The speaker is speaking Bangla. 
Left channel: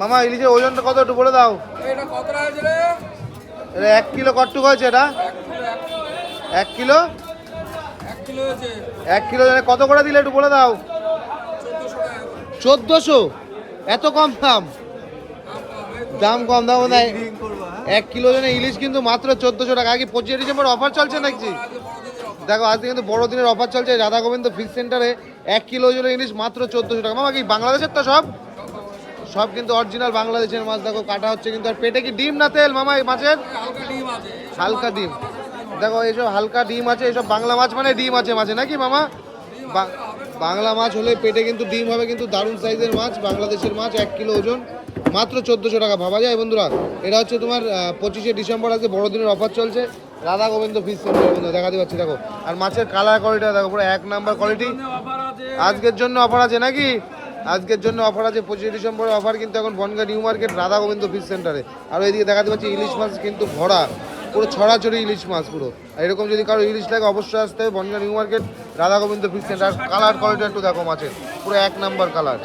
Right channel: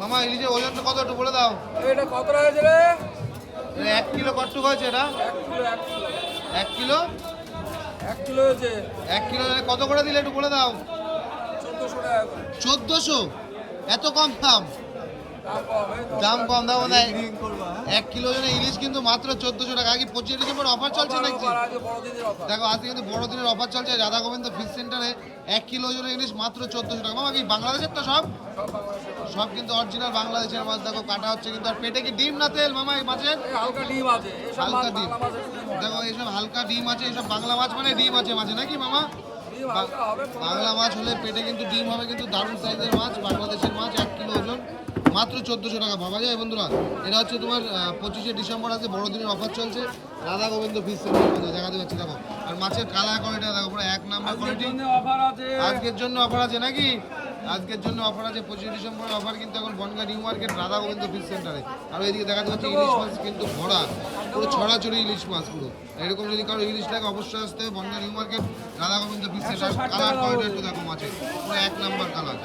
মামা ইলিশের ওজনটা কত একটু বলে দাও। এটা কত হয়েছে রে? এটা 1 কিলো কটুক হয়েছে এটা? 1 কিলো 1 কিলো হয়েছে। 1 কিলো কত করে দিলে একটু বলে দাও। 1400 টাকা। 1400? এত কম দাম? দাম কম দাম নাই। 1 কিলো জন্য ইলিশ কিন্তু মাত্র 1400 টাকা। আগে 25 ডিসেম্বর অফার চলছে নাকি? দেখো আজকে কিন্তু বড়দিনের অফার চলছে রাধা গোবিন্দ ফিশ সেন্টারে। 1 কিলো জন্য ইলিশ মাত্র 1400 টাকা। মামা কি বাংলাদেশের তো সব? সব কিন্তু অরিজিনাল বাংলাদেশের মাছ। দেখো কাটা হচ্ছে কিন্তু। আর পেটে কি ডিম না তেল মামা এই মাছের? হালকা ডিম আছে। হালকা ডিম। দেখো এইসব হালকা ডিম আছে। এইসব বাংলা মাছ মানে ডিম আছে মাছে নাকি মামা? বাংলা মাছ হলে পেটে কিন্তু ডিম হবে। কিন্তু দারুণ সাইজের মাছ, বাংলাদেশের মাছ। 1 কিলো ওজন মাত্র 1400 টাকা। ভাবা যায় বন্ধুরা। এটা হচ্ছে তোমার 25শে ডিসেম্বর আজকে বড়দিনের অফার চলছে রাধা গোবিন্দ ফিশ সেন্টার বন্ধু দেখাতে পাচ্ছি। দেখো আর মাছের কালার কোয়ালিটি দেখো পুরো 1 নাম্বার কোয়ালিটি। আজকের জন্য অফার আছে নাকি? আজকের জন্য অফার আছে 25শে ডিসেম্বরের অফার কিন্তু এখন Bangaon new market Radha Gobinda fish সেন্টারে। আর এইদিকে দেখাতে পাচ্ছি ইলিশ মাছ কিন্তু ভরা, পুরো ছড়াছড়ি ইলিশ মাছ পুরো। এরকম যদি কারো ইলিশ লাগে অবশ্যই আসতে হবে Bangaon new market Radha Gobinda fish centre. Colour quality একটু দেখো মাছের পুরো 1 নাম্বার কালার।